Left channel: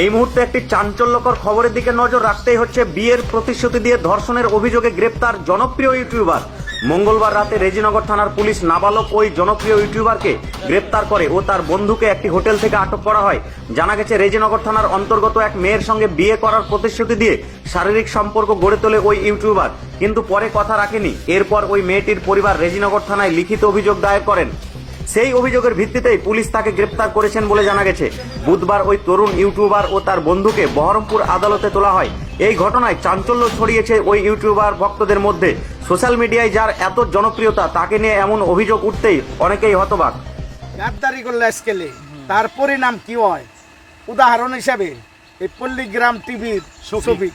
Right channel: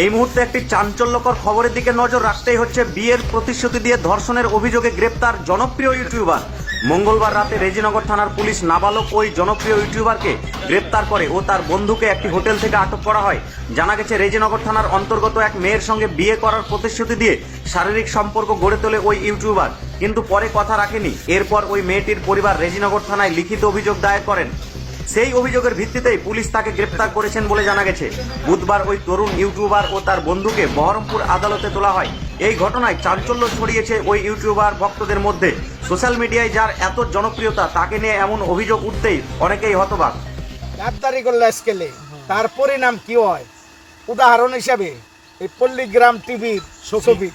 এই মুহূর্তে একটি চাঞ্চল্যকর খবরের দিকে নজর রাখতেই হচ্ছে। বিয়ের প্রতিশ্রুতি দিয়ে ধর্ষণের অভিযোগে গ্রেপ্তার জনপ্রিয় ইউটিউবার। মঙ্গলবার রাতে রেজিনগর থানার পুলিশ নাবালক ওই জনপ্রিয় ইউটিউবারকে গ্রেপ্তার করে ও তার বন্ধুকে একটি হোটেল থেকে আটক করা হয়। জানা গেছে, রেজিনগর থানার অন্তর্গত এক মেয়ের সঙ্গে বিয়ে করার প্রতিশ্রুতি দিয়ে শারীরিক সম্পর্ক গড়ে তোলে ওই ইউটিউবার, কিন্তু পরে কথা রাখেনি। এরপর ওই মেয়েটির পরিবার রেজিনগর থানায় লিখিত অভিযোগ দায়ের করেন। সেই অভিযোগের ভিত্তিতেই পুলিশ তাকে গ্রেপ্তার করেছেন বলে জানা গেছে। বুধবার ওই তরুণ ইউটিউবার ও তার বন্ধুকে বহরমপুর আদালতে তোলা হয়। এই ঘটনায় চাঞ্চল্য ছড়িয়েছে ওই ইউটিউবার ভক্তদের মধ্যে। সোশ্যাল মিডিয়ায় যার এত জনপ্রিয়তা, তাকে নিয়ে এমন অভিযোগ উঠতেই অনেকেই হতবাক। গাদ্দারি করলে স্কেলে তার পরিণাম কি হয়? উদাহরণ হিসাবে এই পল্লীগ্রাম টিভির শফিক।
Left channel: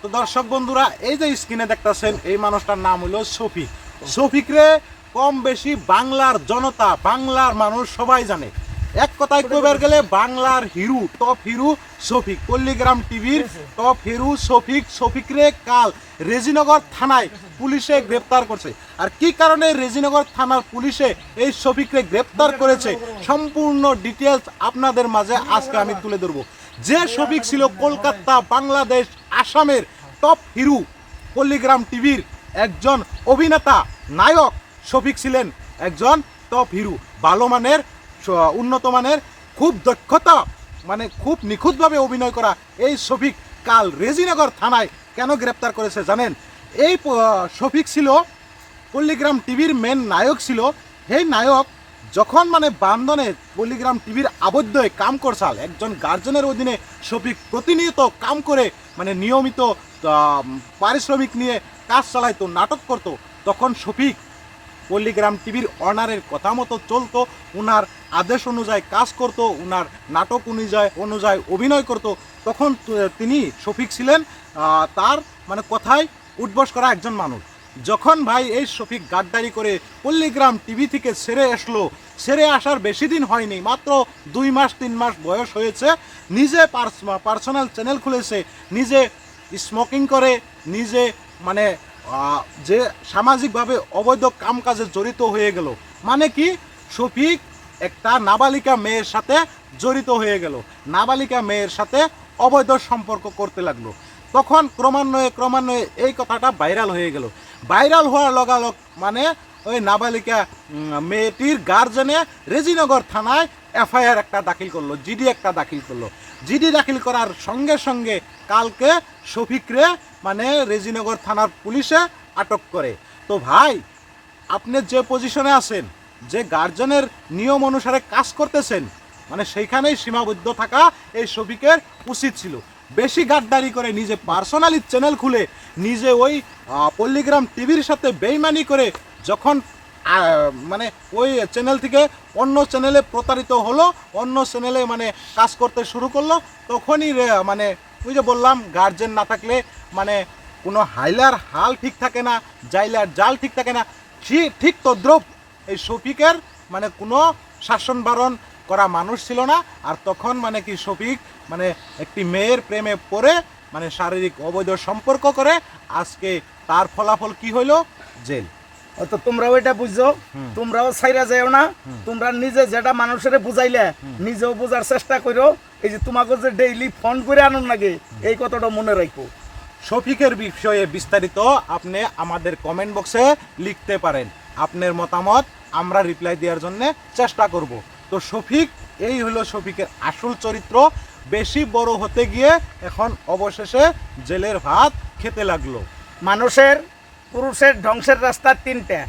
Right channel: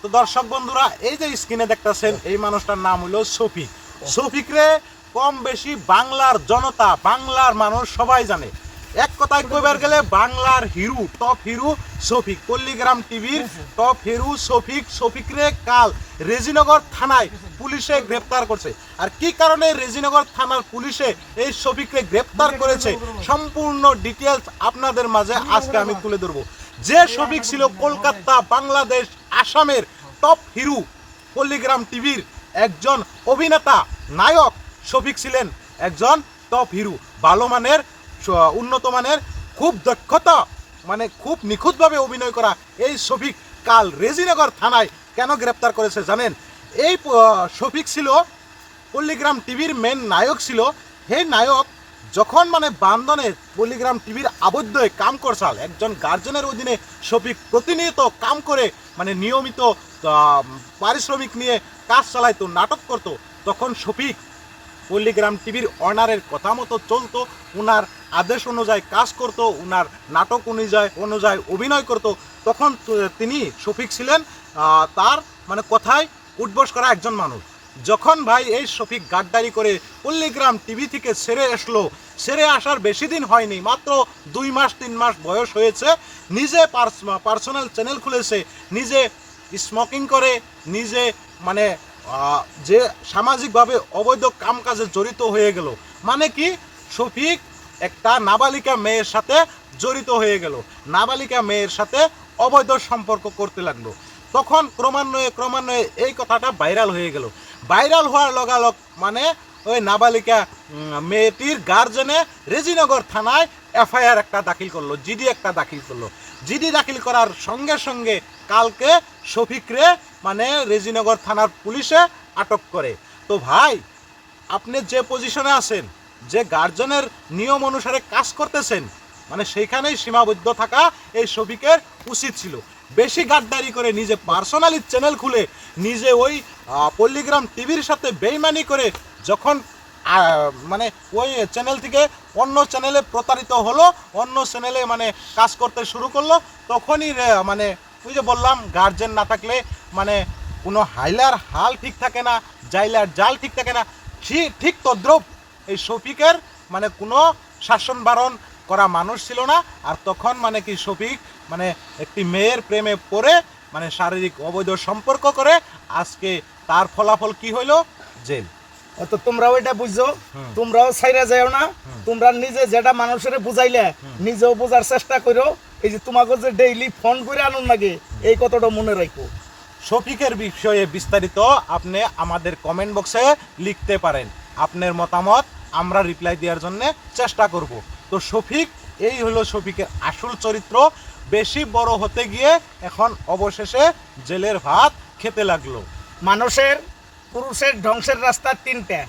তো দর্শক বন্ধুরা, এই যে স্ক্রিনে দেখতেছেন, এই মানুষটার নাম হলো শফিক। শফিকরে কম বেশি বাংলার জনতা, বাংলার মানুষ সবাই জানে। এক কথায় কইবার গেলে বাংলার হিরো, টপ হিরো শফিক। পল্লীগ্রাম টিভির টপ হিরো শফিক। শফিকরে কাল রেজিনগর থানায় পুলিশে গ্রেপ্তার করছে। আর কি কারণে রেজিনগর থানার পুলিশে এই শফিকরে গ্রেপ্তার করেছে, সম্পূর্ণ ডিটেলস আপনাদের মাঝে আজকে আমি তুলে ধরবো। যে শফিক ছিল কলকাতা, বাংলাদেশ, আসামের টপ হিরো, পল্লীগ্রাম টিভির একজন অভিনেতা, নায়ক। শফিক ছিলেন একজন টপ হিরো, ভালো মানের, উন্নত মানের, খুব দক্ষতা, মানে খুব নিখুঁতভাবে অভিনয় করা এই শফিক কাল রেজিনগর থানায় কেন গ্রেপ্তার করেছে জানেন? এই শফিক ছিল পল্লীগ্রাম টিভির মেন নায়ক ছিল। সেই নায়ক যখন মানে বান্ধনে পল্লীগ্রাম টিভির আবদ্ধ হয়ে কাম করছাল, একজন গার্জেনের অধীনে শফিক প্রতিনিয়ত কাম করে মানে নিয়মিত পারিশ্রমিক নিয়ে কাজ চালাইতো, নাটক করতো। তখন শফিক পল্লীগ্রাম টিভির অনারের কথা মতো চলতো, উনার আদেশ অনুযায়ী কাজ করতো, উনার নাটক অনুযায়ী অভিনয় করতো। তখন তিনি শফিক ছিলেন তার মানে কথায় উঠবস করা একজন মানুষ। যখন ভাই এই শফিক গাদ্দারি করে পল্লীগ্রাম টিভি থেকে ছেড়ে আসার বেশি দিন হয়নি, মাত্র 2 মাস 3 মাস বয়স হয়েছে। নিজে পার্সোনাল চ্যানেল খুলেছে, নিজে স্মোকিং করে, নিজে মানে যে সামাজিকভাবে অবৈধ কামকাজে জড়িত হয়ে গেল। মানে কি, শফিক একটা নাবালিকা মেয়ের সাথে জড়িত হয়ে গেল, নাবালিকা মেয়ের সাথে অবৈধ সম্পর্ক করতে লাগলো। তখন ক্রমান্বয়ে এই কথাটা ভাইরাল হয়ে গেল। ভাইরাল হওয়ার লগালগ মানে ওই নাবালিকা মেয়েটির গার্জেনে রেজিনগর থানায় এফআইআর একটা দাখিল করলো, জিডি একটা দাখিল করলো। জিডি দাখিল করার সঙ্গে সঙ্গে কালকে শফিকরে মানে রেজিনগর থানার পুলিশে আটক করে। তো ভাই, আপনি যে পজিশনে আছেন, যে গার্জেনের নিয়ম অনুসারে কাজ করতেছেন, মানে সেইখানেই সীমাবদ্ধ থাকা এই শফিকের উচিত ছিল। বেশি গাদ্দারি করে নিজে পার্সোনালি চ্যানেল খুলে নিজে ওই পল্লীগ্রাম টিভির সাথে বেইমানি করে যখন মানে ওই চ্যানেল থেকে অন্য চ্যানেলে প্রতারিত হলো, অন্য চ্যানেলে মানে কাজ করতে শুরু করলো, তখনই মানে ওই যে বললাম, গার্জেন না থাকলে মানে কোনো হাইলার হাল ঠিক থাকে না, জাইলার জাল ঠিক থাকে না। ঠিক তদ্রুপ এই শফিকের মানে কোনো শাসন বারণ করা মানুষ ছিল না। আর তখন মানে কি শফিক মানে একটি মেয়ের প্রেমে পড়ে মানে শারীরিক অবৈধ সম্পর্ক করে। আজকে তার ফলাফল কি হইল? জেল। তো তোমরাও এটা বুঝছো, তোমরাও ছাইরা যাও না। তোমরা নিজে যেটা মানুষের বুঝাইলে নিজেও বোঝার চেষ্টা করো। এই যে তোমাকে যে ডেইলি ফোন করে আনুন লাগে, এই কথাটা মনে রাখো। শফিকের বিষয়ে বিস্তারিত আপনি আমাদের কমেন্ট বক্সে লিখতে পারেন। আপনার মতামত আমরা রিপ্লাই দেওয়ার জন্য চেষ্টা করব। তো শফিক, এই হলো শফিকের আসল চরিত্র। বেশি বড় হতে গিয়ে এখন অবশেষে জেলের ভাত খেতে লাগলো। পুরুষের ধ্বংসের রাস্তা 3টা।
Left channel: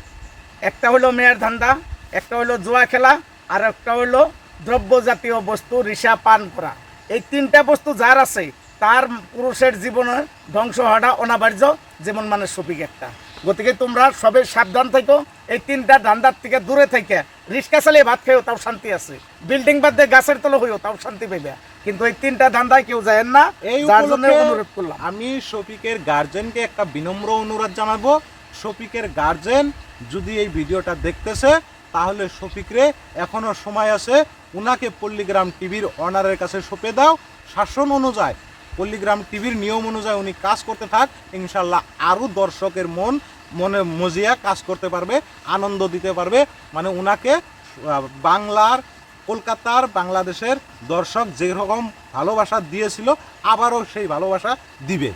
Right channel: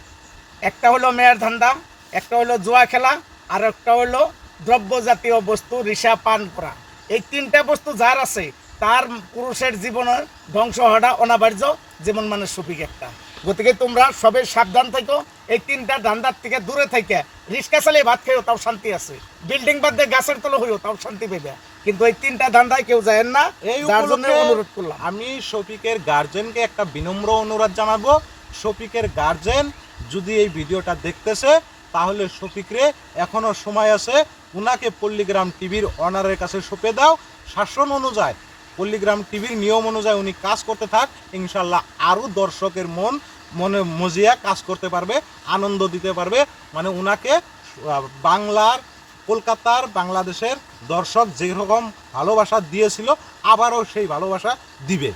একটা হলো মেয়ের ধান্দা, একটা হলো জুয়া খেলা, আর একটা হলো দ্রব্য জাতীয় বস্তু রিসা পান করা। এই 3টা বস্তু যার আছে, তার পুরুষের জীবনের ধ্বংস হওয়াটা অনিবার্য, যেমন মানে শফিক একটা। গতিকে তোমরা সবে সাবধান থাকো, এই 3টা ধান্দার থেকে দূরে থেকে। রিক্সা চালিয়ে ভাত খেয়েও তাও শান্তি আছে, বিল্ডিং বাদ দিয়ে গাছের তলে হইও তাও শান্তি পাইবে, কিন্তু এই 3টা ধান্দায় কেউ যায় না। এই অনুরোধ করলাম আমি শফিকের গার্জেনকে একটা বিনম্র অনুরোধ জানাবো। শফিকের গার্জেন যদি এই ভিডিওটা দেখতেছে, তাহলে শফিকরে এখনো সময় আছে, উনাকে পল্লীগ্রাম টিভির অনারের কাছে সঁপে দাও। শাসন অনুযায়ী, পল্লীগ্রাম টিভির নিয়ম অনুযায়ী উনি কাজ করতে থাক। ইনশাল্লাহ আরও দর্শকের মনে মজিয়া কাজ করতে পারবে, আনন্দ দিতে পারবে। মানে উনাকে বাংলার কলকাতার বাংলাদেশের দর্শক যেরকম ভালোবাসা দিয়েছিল আবারও সেই ভালোবাসা দিবে।